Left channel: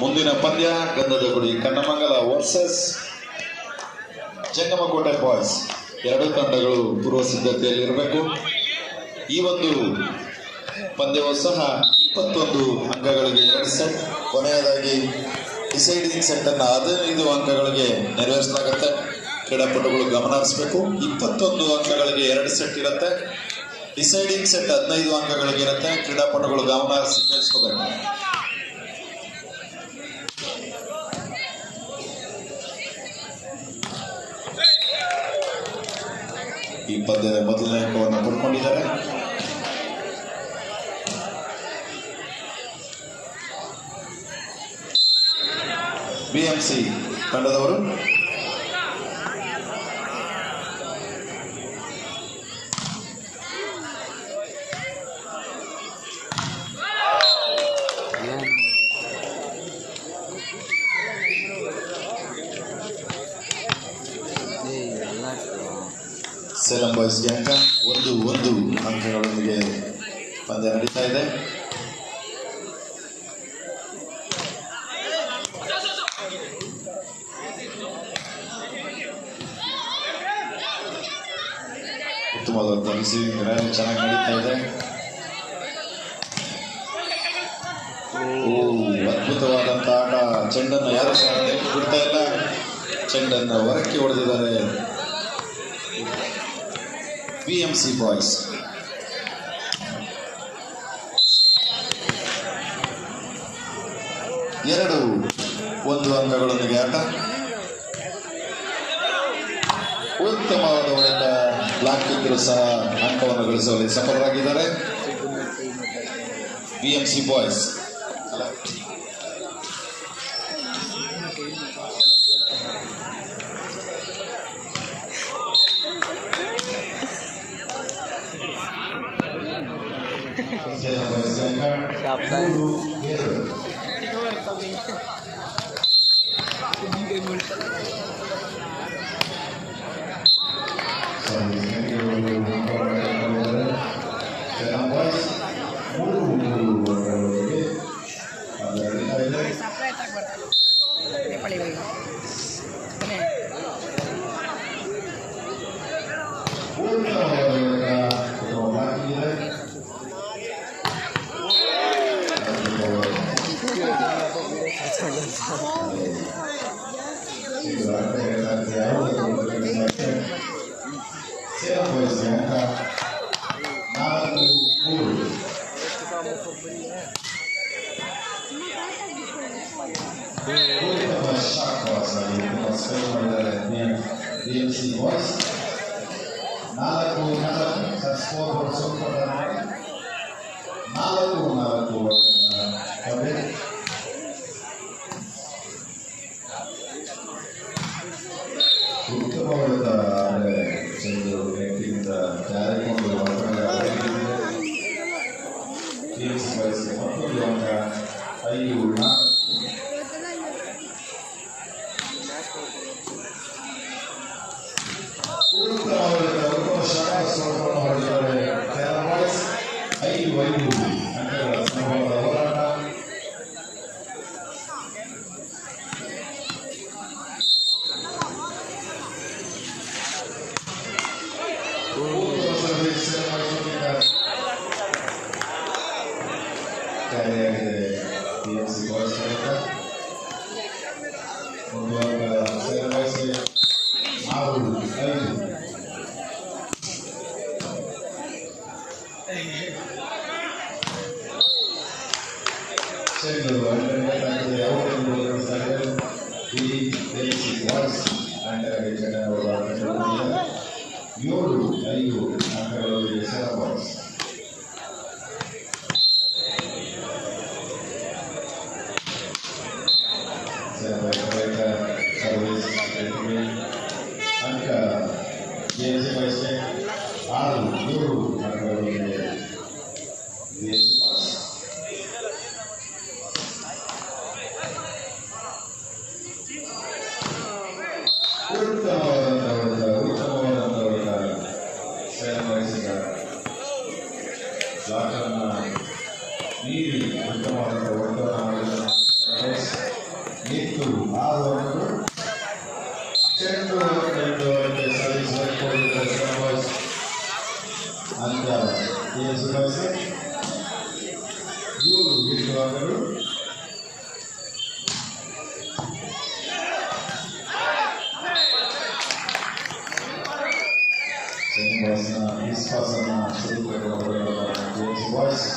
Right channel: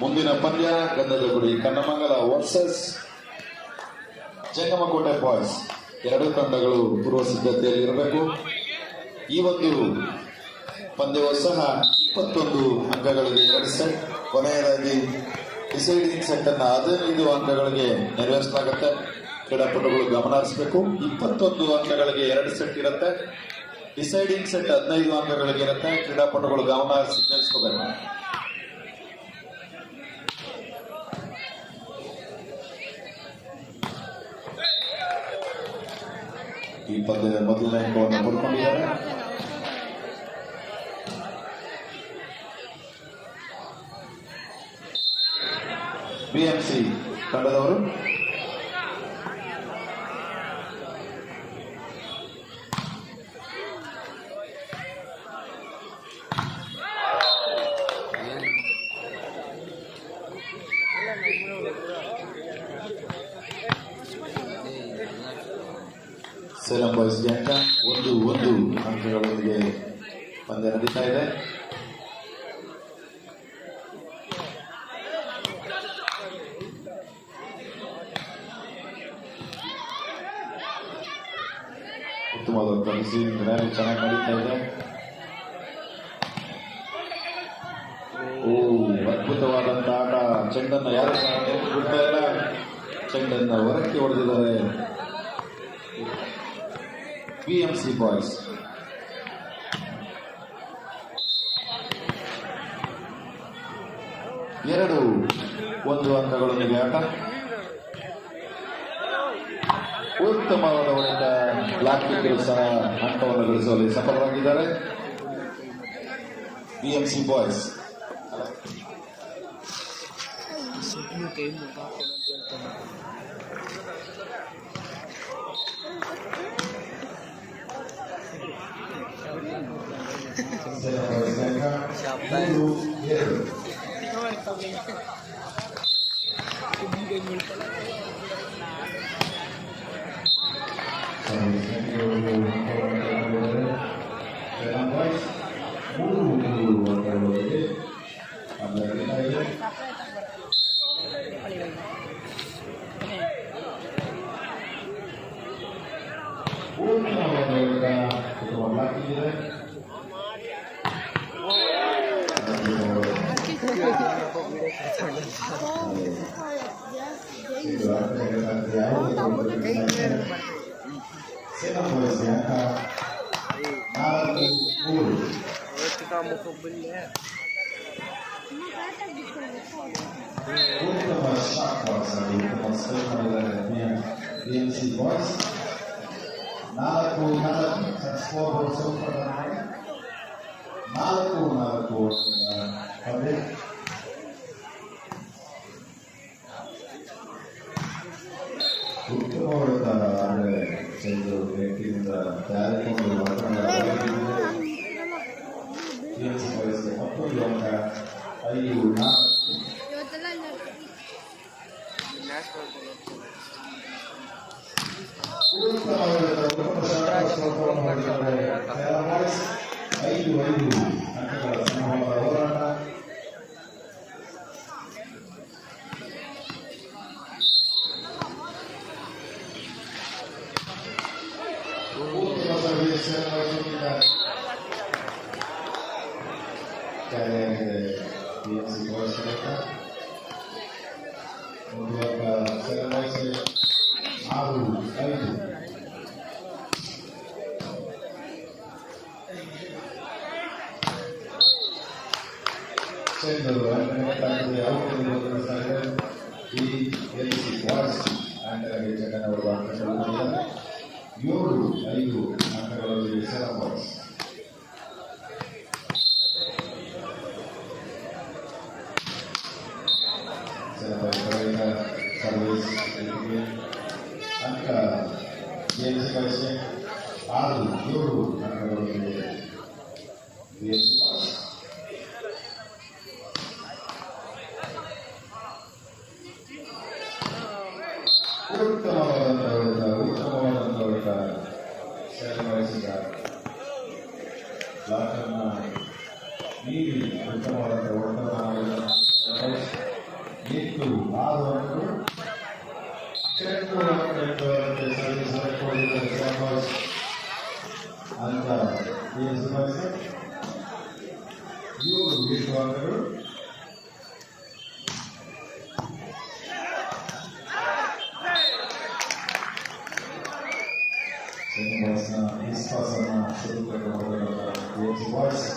ಮುಂದಿನ ಪಂದ್ಯ ಗಂಧದ ಗುಡಿ ಕನ್ನಮಂಗಲ ವರ್ಸಸ್ ಜಂಗಮಕೋಟೆ ಬಾಯ್ಸ್. ಎರಡೂ ತಂಡಗಳು ಪೂರ್ವ ಸಿದ್ಧತೆಯಲ್ಲಿರಬೇಕು. ಈ ಒಂದು ಪಂದ್ಯವೂ ಸಹ 21 ಅಂಕಗಳಿಗೆ 2 ಸೆಟ್. ಕೊನೆಯದಾಗಿ ಡಿಸೈಡಿಂಗ್ ಸೆಟ್ ಅನ್ನು 15 ಅಂಕಗಳಿಗೆ ನೆರವೇರಿಸಲಾಗುತ್ತೆ. ಕ್ರೀಡಾಪಟುಗಳು ಗಮನ ಹರಿಸಬೇಕು. 21 ಅಂಕಗಳಿಗೆ 2 ಸೆಟ್ ಇರುತ್ತೆ. ಡಿಸೈಡಿಂಗ್ ಸೆಟ್ 15 ಅಂಕಗಳಿಗೆ ಇರುತ್ತೆ. ಕ್ರೀಡಾಪಟುಗಳು ಗಮನ ಹರಿಸಿ ಕೇಳಿಸ್ಕೋಬೇಕು. ಈ ಪಂದ್ಯದ ಮೊದಲನೇ ಅಂಕವನ್ನು ಪಡ್ಕೊಂಡಿದ್ದಾರೆ. ಬಿಎಂಸಿ ತಂಡದವರು. ಸೇಲಂ ಬಾಯ್ಸ್ಗೆ ಅಂಕ 1 ಅಂಕಗಳೊಂದಿಗೆ ಪಂದ್ಯ ನಡೀತಾ ಇದೆ. ಉತ್ತಮವಾದಂಥ ರಿಸೀವಿಂಗ್ ರ್ಯಾಲಿ ಚೆನ್ನಾಗಿ ನಡೀತಾ ಇದೆ. ಅದ್ಭುತವಾದಂಥ ಆಟ. ಚೆಂಡನ್ನು ಯಾರು ಸಹ ಬಿಡ್ತಾ ಇಲ್ಲ. ಚೆಂಡನ್ನು ಹೊರಕ್ಕೆ ಹೊಡೆದಿದ್ದಾರೆ ಬಿಎಂಸಿ ಬಾಯ್ಸ್. ಎರಡು 1 ಅಂಕಗಳೊಂದಿಗೆ ಆಟ. ಉತ್ತಮವಾದ ಹೊಡೆತ. ಬ್ಲಾಕ್ ಇದ್ದರೂ ಸಹ ಅಂಕವನ್ನು ಗಳಿಸುವಲ್ಲಿ ಸಫಲರಾಗಿದ್ದಾರೆ BMC boys. BMC boys 4-4 score ಹೊರಡಿಸಿದ್ದಾರೆ. 4-4 ಉತ್ತಮವಾದ ಚಂದ್ರು ವ್ಯಕ್ತಿಯಿಂದ ಜಾರಿಕೊಂಡು ಬಿಎಂಸಿ ಬಾಯ್ಸ್ಗೆ 11 ಅಂಕ. 5-4 ಅಂಕಗಳ ಸಮೂಹದ ಹೋರಾಟ. ಬಿಎಂಸಿ ಬಾಯ್ಸ್ 1 ಅಂಕ. ಸೇಲಂ ಬಾಯ್ಸ್ಗೆ 6-5. ಸರ್ವಿಸ್ ಅಂಕ ಬಿಎಂಸಿ ಬಾಯ್ಸ್ಗೆ 6-7 ಅಂಕಗಳೊಂದಿಗೆ ಬಿಎಂಸಿ ಬಾಯ್ಸ್. ಉತ್ತಮವಾದಂಥ ಸೇಲಂ ಬಾಯ್ಸ್ಗೆ ಬ್ಲಾಕನ್ನು ನೀಡಿ ಉತ್ತಮವಾದಂಥ ಒತ್ತಡವನ್ನು ಮಾಡಿದ 5 6 ಅಂಕಗಳು. ಚೆಂಡು ಸರ್ವಿಸ್ ಅಂಕ ಸುಧಾರಿಸಿ 7 ಬಿಟ್ಟು ಅಂಕಗಳು. ವಿಶ್ವಾಸನ ಬಾಯ್ಸ್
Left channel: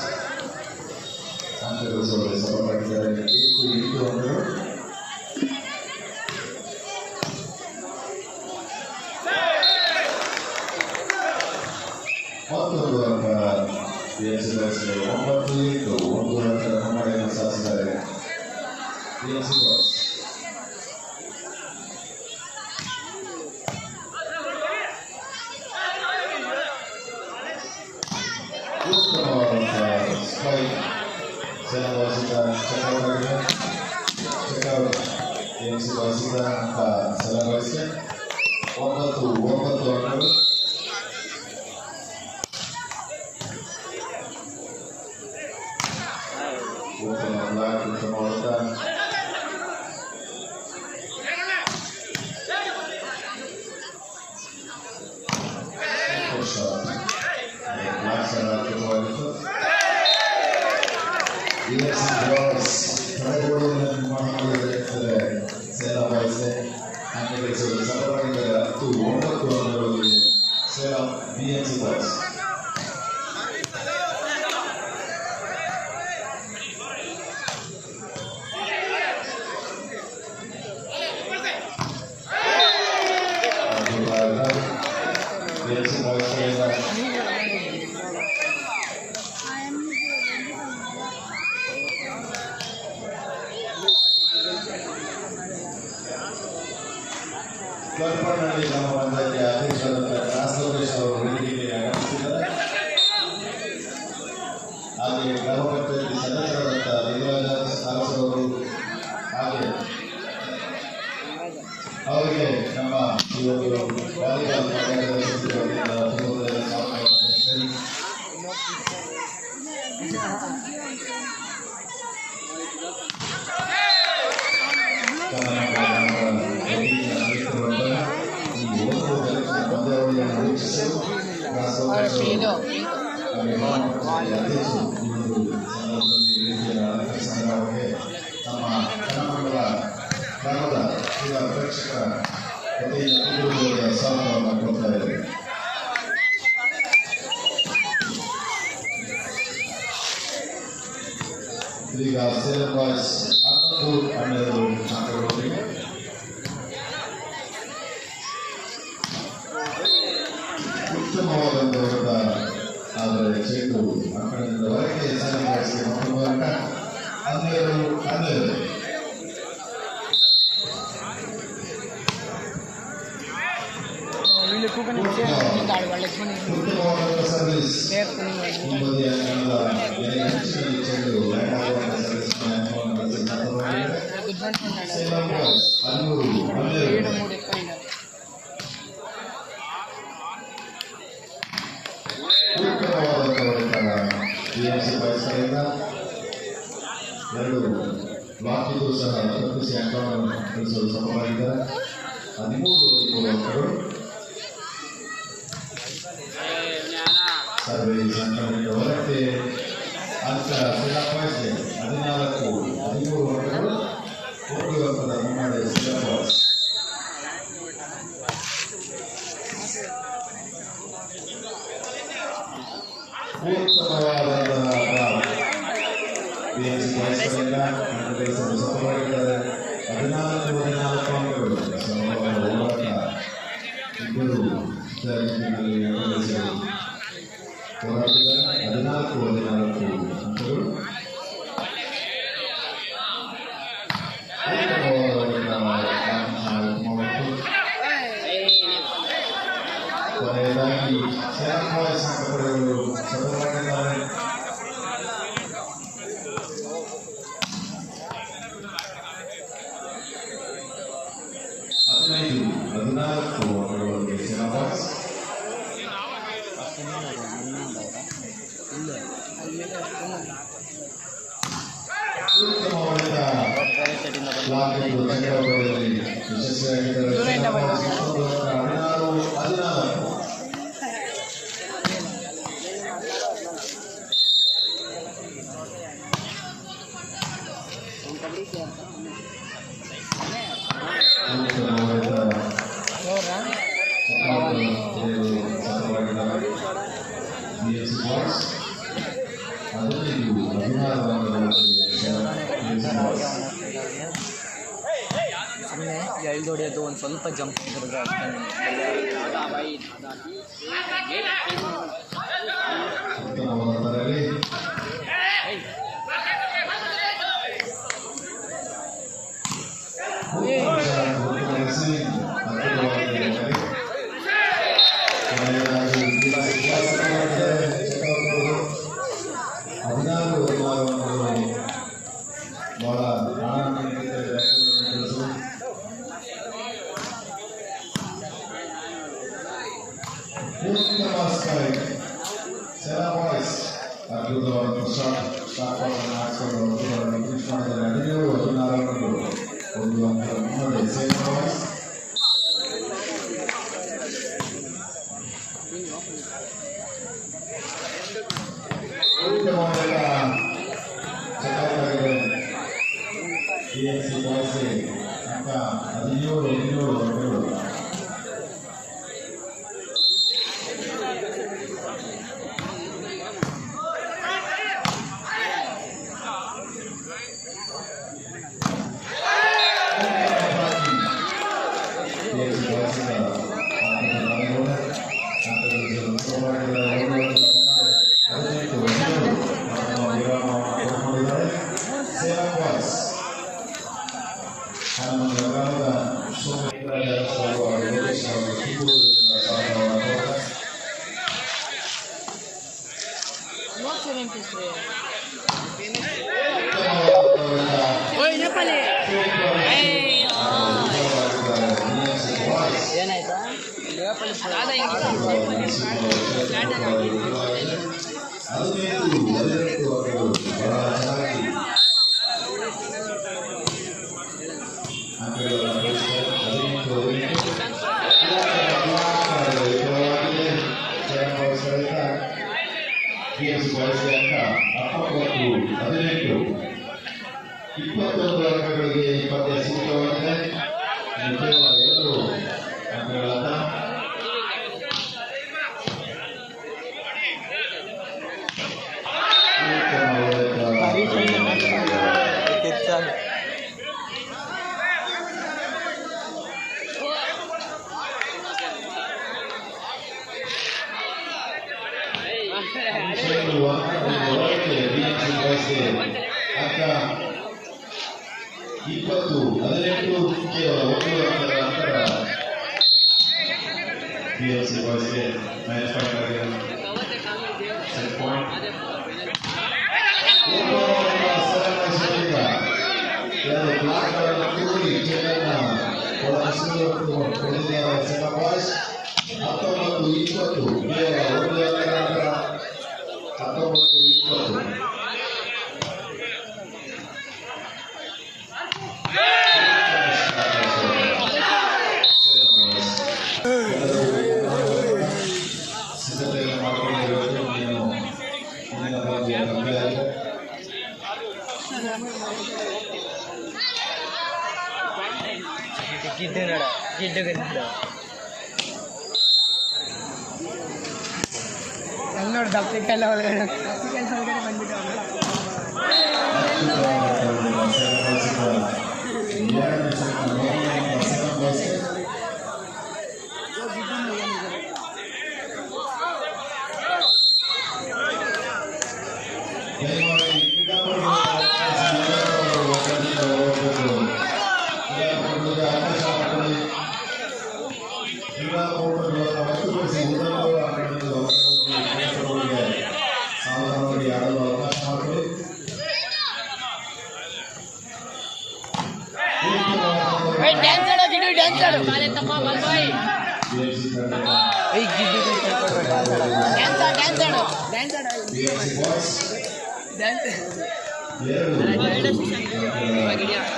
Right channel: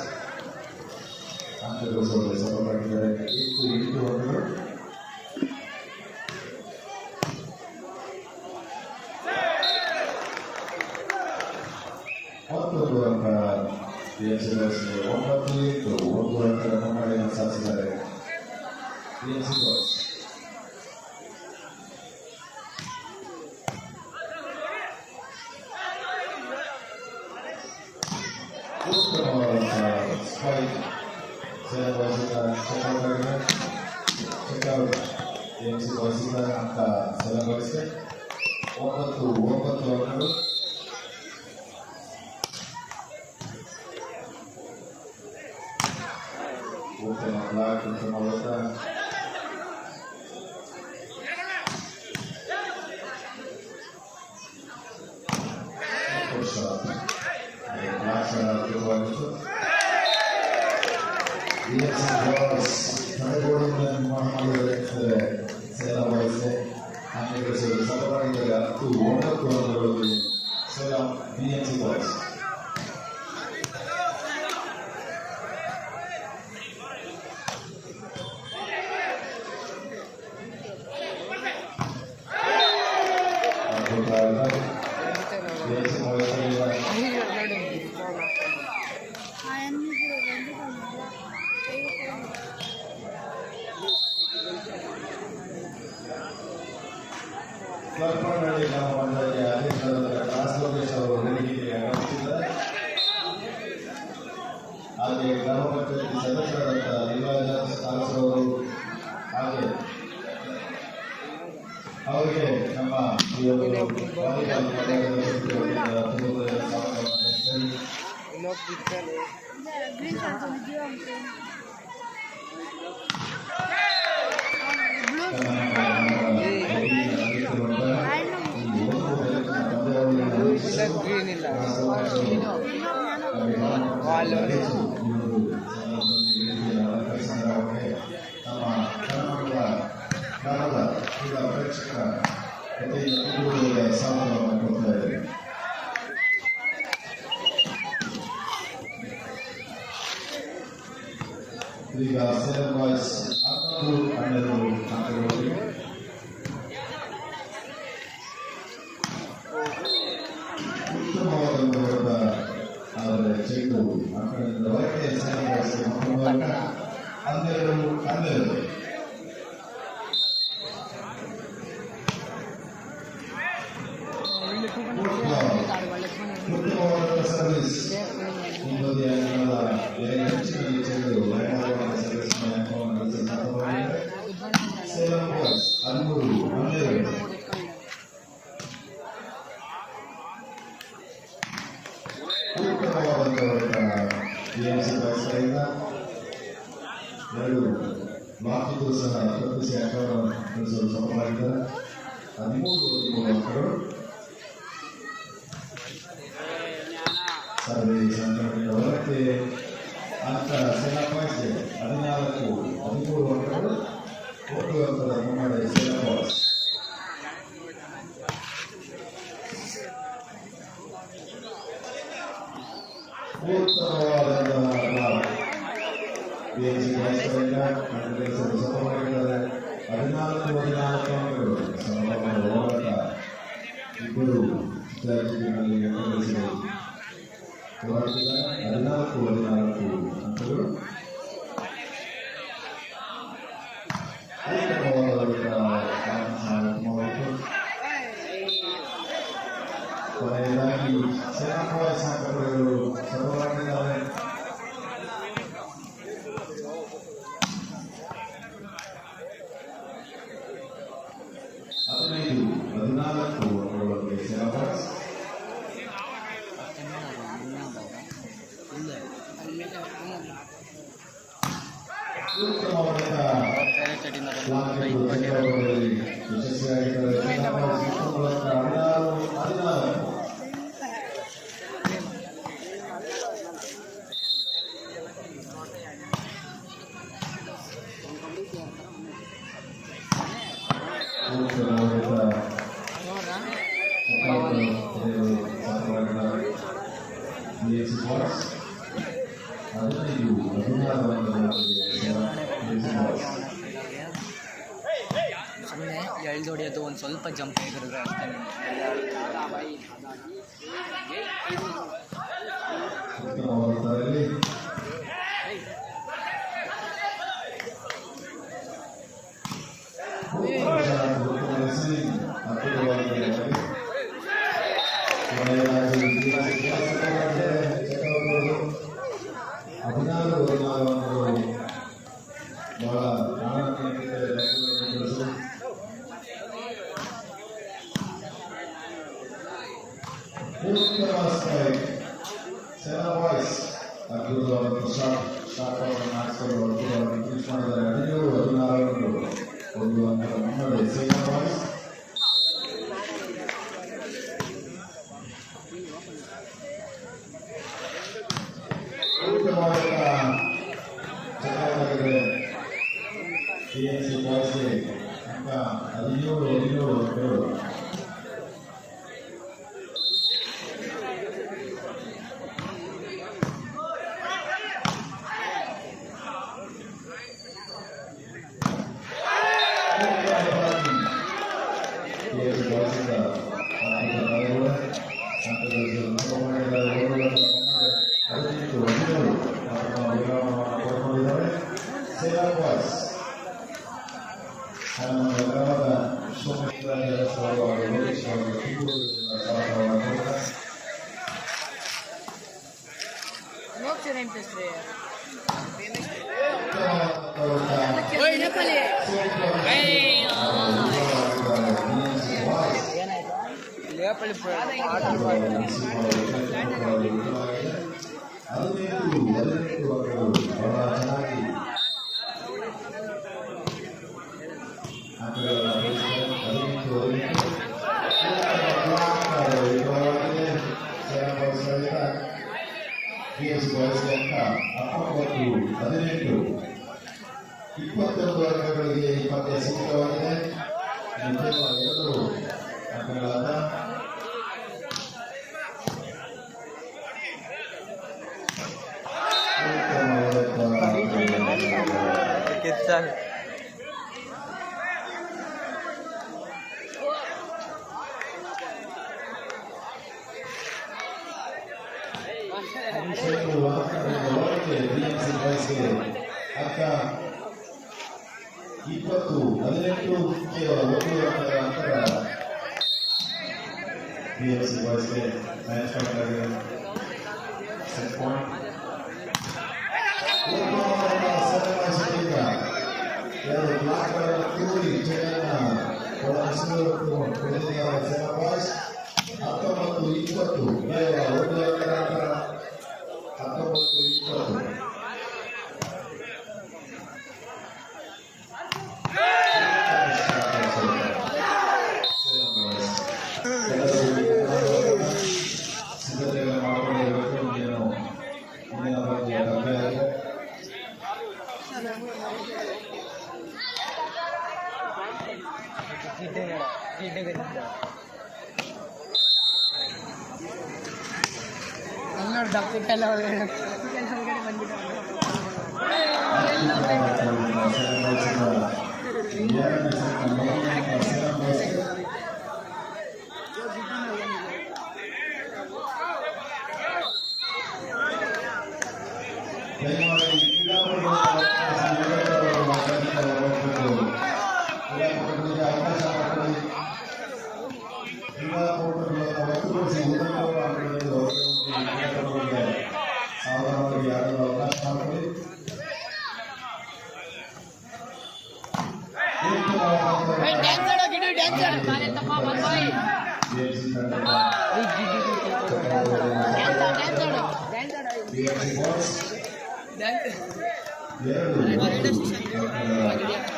ಅಂಕಗಳು ಸಫಲವಾಗಿದ್ದಾರೆ. 8 ಅಂಕಗಳು. ಮತ್ತೊಂದು ಅಂಕ 9-8 1 ಅಂಕದ ಮುನ್ನಡೆಯನ್ನು ಸಾಧಿಸಿದ್ದಾರೆ. ಉತ್ತಮವಾದಂತಹ ಸ್ಪೈಕ್ ಸೇನವಾಸಿತ ಚೆಕ್ಔಟ್ ಅಂಕ ಸಲಭಾಯಿಸಿದೆ. 9 ಅಂಕಗಳು. ಉತ್ತಮ ಬ್ಲಾಕ್, ಉತ್ತಮ ಹೊಡೆತ. ಕ್ಲಬ್ನಲ್ಲಿ ನಮ್ಮ ಬಂಧಕ್ಕೆ ಅಧ್ಯಕ್ಷರಾದ ಕಾಸೋದೇಶ್ ಅವರು ವೇದಿಕೆಗೆ ಆಗಮಿಸಿದ್ದಾರೆ. ಹಾಗೆ ಗ್ರಾಮ ಪಂಚಾಯತಿ ಸದಸ್ಯರಾದ ಲಿಂಗರಾಜ ಅವರು ಹಾಗೆ ಅವರಿಗೆ ನಮ್ಮ ಈ ಒಂದು ವಾಲಿಬಾಲ್ ಈಗ ಸೇಲಂ ಬಾಯ್ಸ್ 11 ಅಂಕಗಳೊಂದಿಗೆ ಉತ್ತಮವಾದ ಹೊಡೆತ. ಆದರೆ ಚೆಂಡು ಅಂಕಣದಿಂದ ಹೊರಗೆ ಸೇಲಂ ಬಾಯ್ಸ್ ಮೂಲಕ 12. ಉತ್ತಮವಾದ ಸರ್ವಿಸ್ ಹಿಂಬದಿಯ ಹೆಚ್ಚಿನ ಚೆಂಡು ಸೇಲಂ ಬಾಯ್ಸ್ 13-12. ಬಿಎಂಸಿ ಬಾಯ್ಸ್ ಕಡೆಯಿಂದ 2 ಬ್ಲಾಕಿಗೂ ಸಹ ತಪ್ಪಿಸಿ ಅಂಕವನ್ನು ಗಳಿಸಲು ಸಫಲವಾಗಿದ್ದಾರೆ. 13 ಅಂಕಗಳು. ಸರ್ವಿಸ್ ಅಂಕಗಳಿಂದ ಹೊರಕ್ಕೆ ಅಂಕ ಸೇಲಂ ಬಾಯ್ಸ್ಗೆ 14-13 ಅಂಕಗಳು. 1 ಅಂಕದ ಮುನ್ನಡೆ ಸೇಲಂ ಬಾಯ್ಸ್. ಉತ್ತಮವಾದಂತಹ ಬಿಎಂಸಿ ಬಾಯ್ಸ್ ಕಡೆಯಿಂದ ಅಂಕ ಗಳಿಸಲು ಸಫಲವಾಗಿದ್ದಾರೆ. 14-14 ಅಂಕಗಳು. ಸಮವಾದ ಹೋರಾಟ. ಇಬ್ಬರು ವಿದ್ಯಾರ್ಥಿಗಳಲ್ಲಿ ಅಂಕ ಗಳಿಸಲು ಹೋರಾಟದ 14-14 ಅಂಕಗಳು. ಕೊನೆಯದಾಗಿ ಸೇಲಂ ಬಾಯ್ಸ್ ಅಂಕ ಪಡೆಯಲು ಸಫಲವಾಗಿದ್ದಾರೆ. 15-14 ಅಂಕಗಳೊಂದಿಗೆ ಸೇಲಂ ಬಾಯ್ಸ್. ಯುನೈಟೆಡಿಂದ ಬಂದ ಸುಮ್ಮನೆ ಎಳ್ದು ಹೊಡೆಯೋದು ಒಂದು ಸ್ವಲ್ಪ ಜಂಪ್ ಇದ್ದರೆ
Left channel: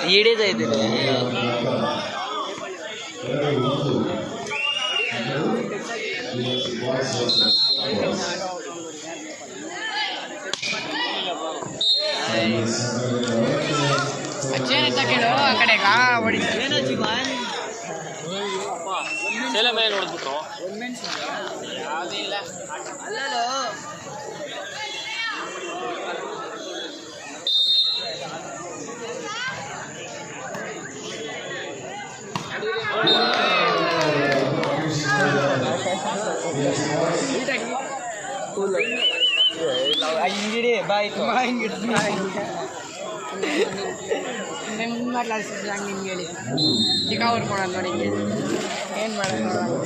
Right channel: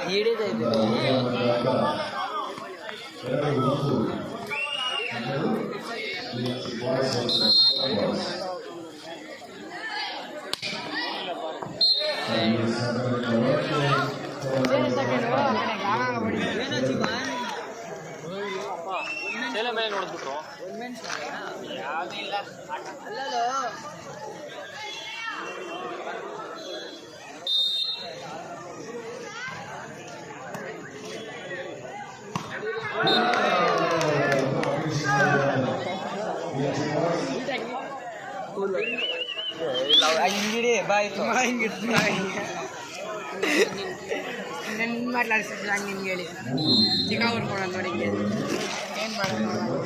ಹಿಡಿದೈತೆ ನೋಡ್ಬಿಟ್ರು ಹಿಂಗಿಡಿ ಬಾಯ್ತು ಮಾತಾಡ್ಸಿದ್ರು ಹಂಗೆ ಹಿಂಗೆ ಹೇಳಿ ಚಿಕ್ಕ ಹೊಡ್ಕೊಳ ನೋಡಿ ಏನು ಮಾಡೋದು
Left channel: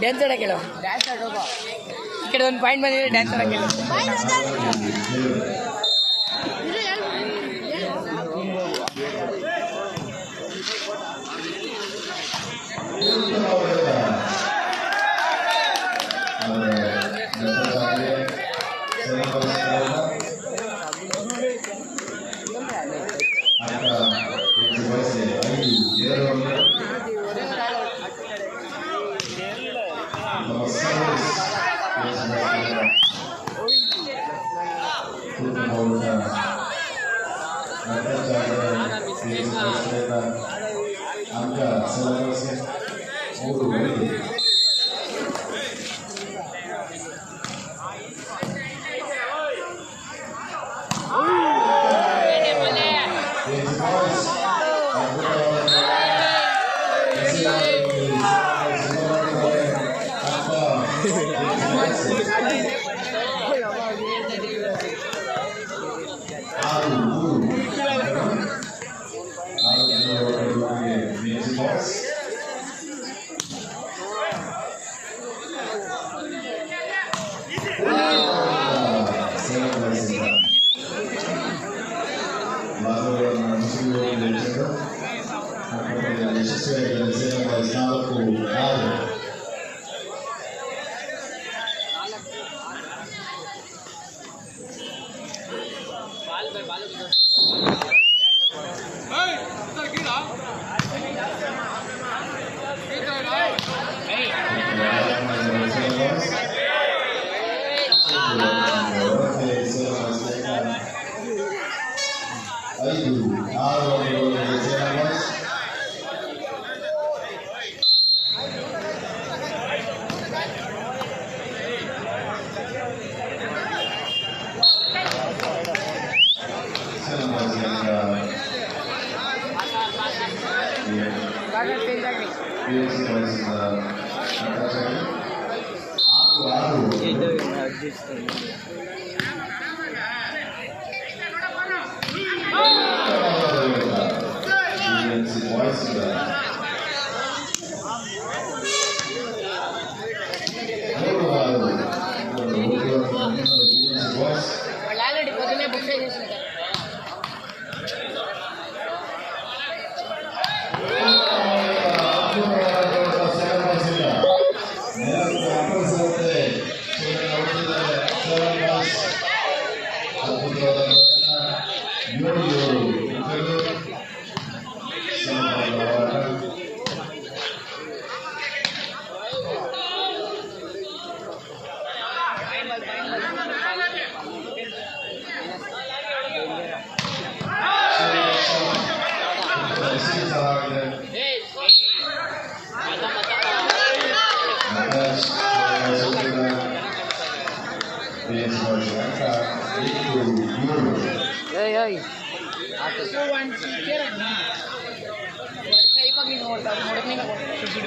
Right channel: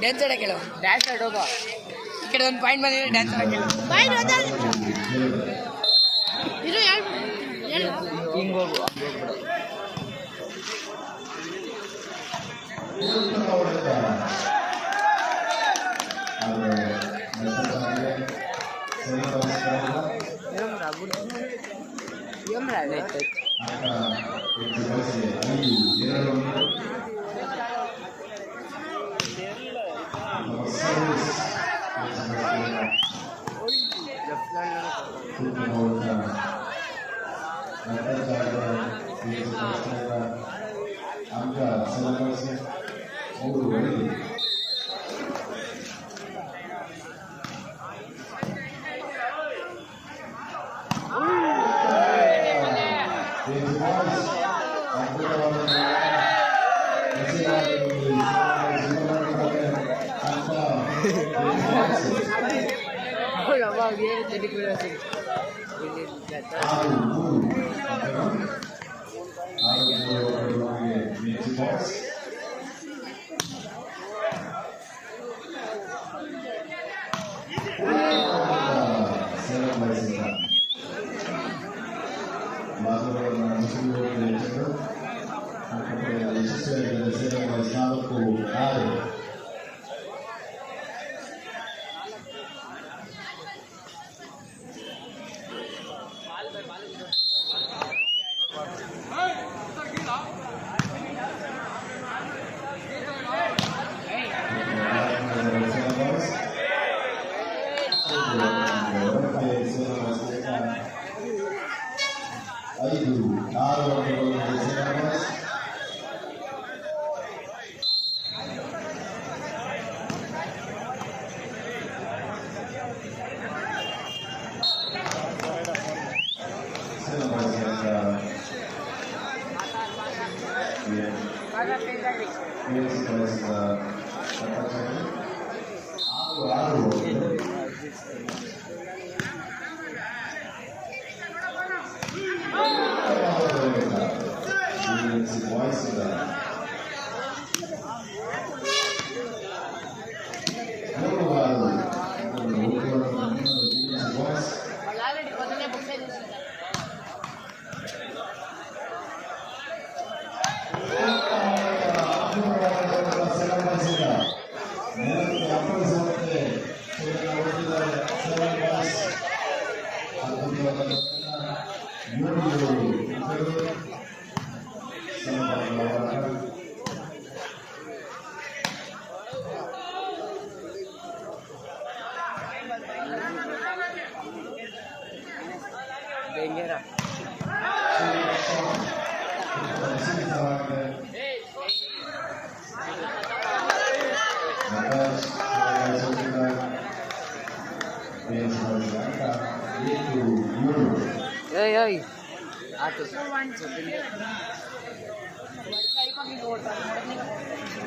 ಡ್ಯಾನ್ಸ್ ಆಡಕ್ಕೆ ಹೇಳು ಡ್ಯಾನ್ಸ್ ಆಡೋಗ ಈ ಕಡೆ ಒಂದು ಪಾಯಿಂಟ್ ಬಂದಿದೆ ಡ್ಯಾನ್ಸ್ ಆಡಕ್ಕೆ ಹೇಳು ಹಿಂಗೆ ಹೋಗು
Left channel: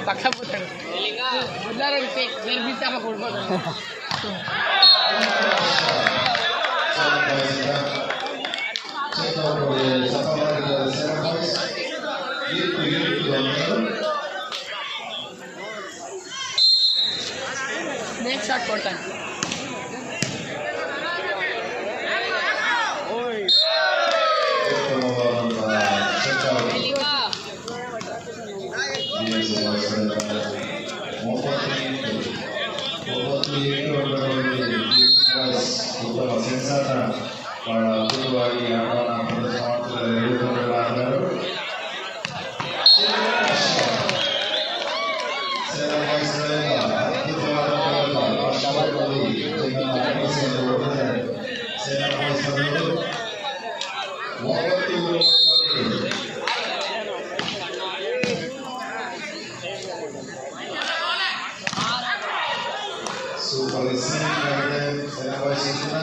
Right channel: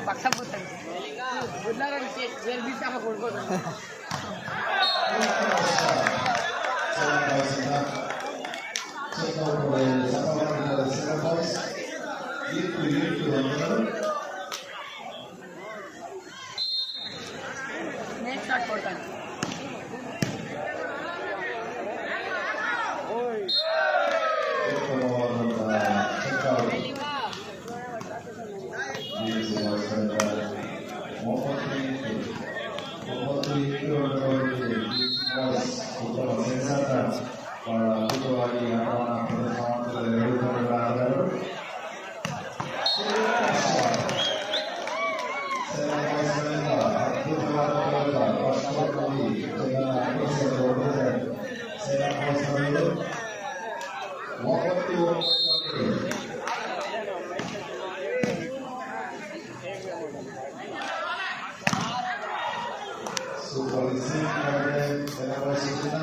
ಪಕ್ಷ ಬಿಡ್ತಾರೆ ಬದಲಾರಂತೆ ಕೊಡ್ಬೋದು ನೆಕ್ಸ್ಟ್ ಶಾಟ್ ಕೊಡ್ತಾನೆ ಸೂಪರ್ ಸ್ನೇಹಿತ ಆಗಿದೆ ಸೇನಾ ಬಾಯ್ಸ್ ಇಂದ.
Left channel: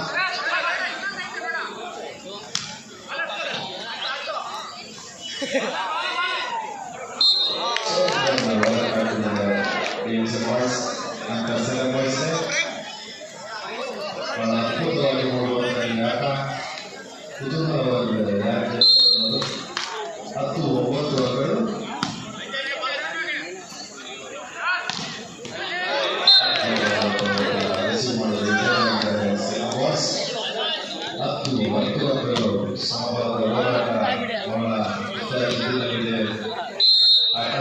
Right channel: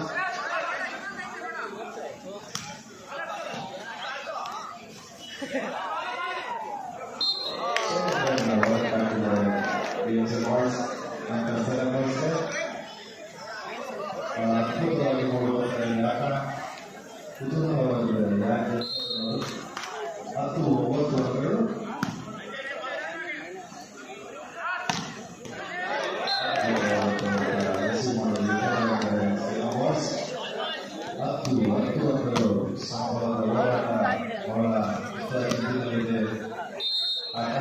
ಅದ್ಭುತವಾಗಿ ನೋಡುವಂತ ಈ ಆಟ ಕುತೂಹಲವಾಗಿದ್ದಾರೆ. ಯಾಕೆ 10-9 ಅಂಕಗಳು. ರಿಸೀವ್ ಮಾಡೋದು ಸೇನಾ ಬಾಯ್ಸ್ 10-10 ಅಂಕಗಳು. ಸಮಬಲದ ಹೋರಾಟ ಬಹಳ ಇತ್ಯಾದಿಗಳಿದೆ ಆಟ.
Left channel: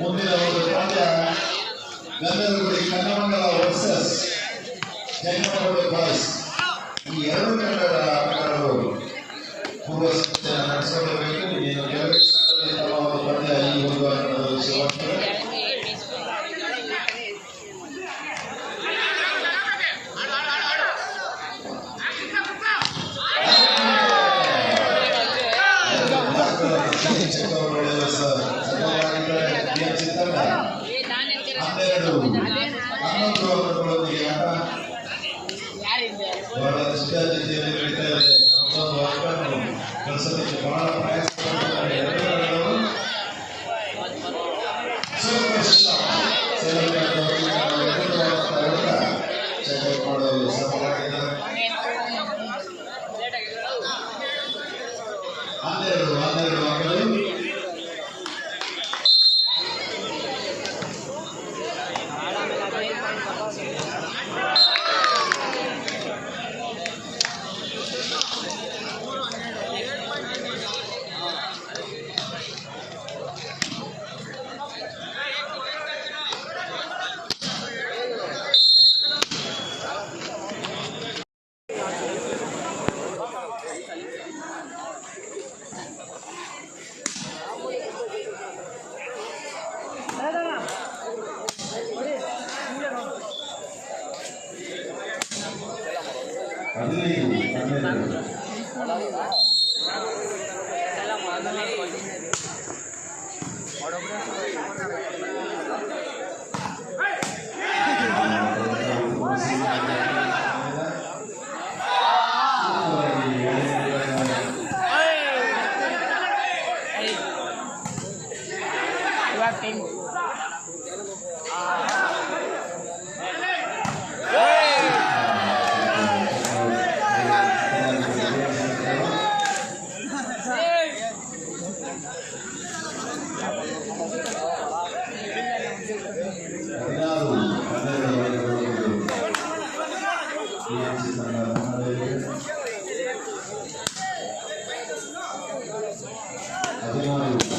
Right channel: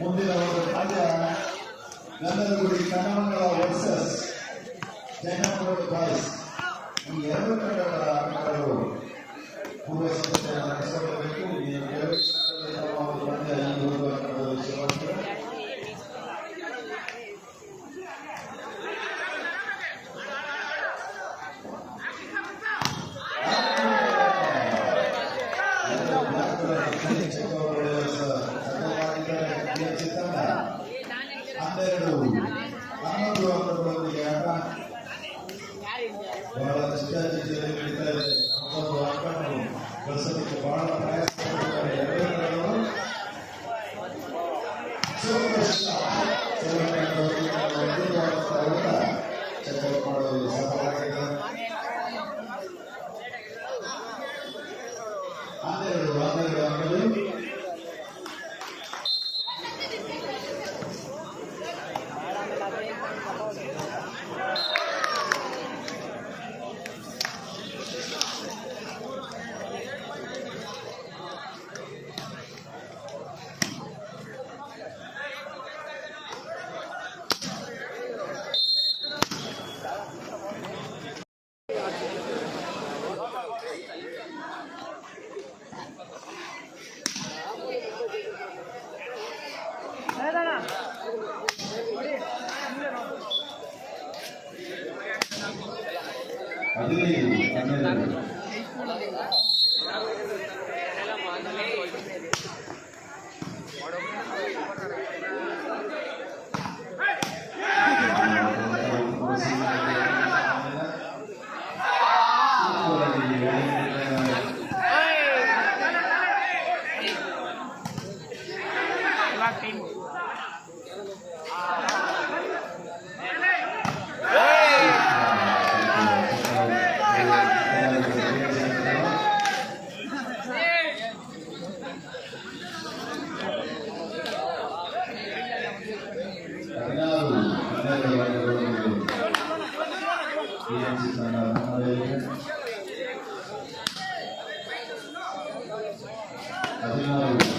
ಮುಂದಿನ ಒಂದು ಪಂದ್ಯ ಗಂಧದಗುಡಿ ಕನ್ನಮಂಗಲ ವರ್ಸಸ್ ಜೈನಮಂಗಲ ಬಾಯ್ಸ್. ಈ ಎರಡು ತಂಡಗಳ ಆಟಗಾರರು ಪೂರ್ವ ಸಿದ್ಧತೆಯನ್ನು ನಡೆಸಿಕೊಳ್ಳಬೇಕು. ಇನ್ನು ಕೆಲವೇ ಕ್ಷಣಗಳಲ್ಲಿ ತಮ್ಮ ಒಂದು ಪಂದ್ಯ ಈ ಒಂದು ಆಟದಲ್ಲಿ ಶುರುವಾಗ್ತದೆ. ತಂಡ 12-11 ಅಂಕಗಳೊಂದಿಗೆ ಆಟ ಬಹಳ ನಿಷ್ಠಾಚಿತೆಯಲ್ಲಿ ನಡೀತಾ ಇದೆ. ಒಂದು ಅಂಕವನ್ನು ಗಳಿಸೋದಕ್ಕೆ ಬಹಳ ಪ್ರಯಾಸ ಪಡುತ್ತಾರೆ ಎರಡೂ ತಂಡಗಳು. ಚೆಕ್ಔಟ್ ಮಾಡಲು ಸಫಲರಾಗಿದ್ದಾರೆ. 12 ಅಂಕಗಳು. ಹದಿನಾರು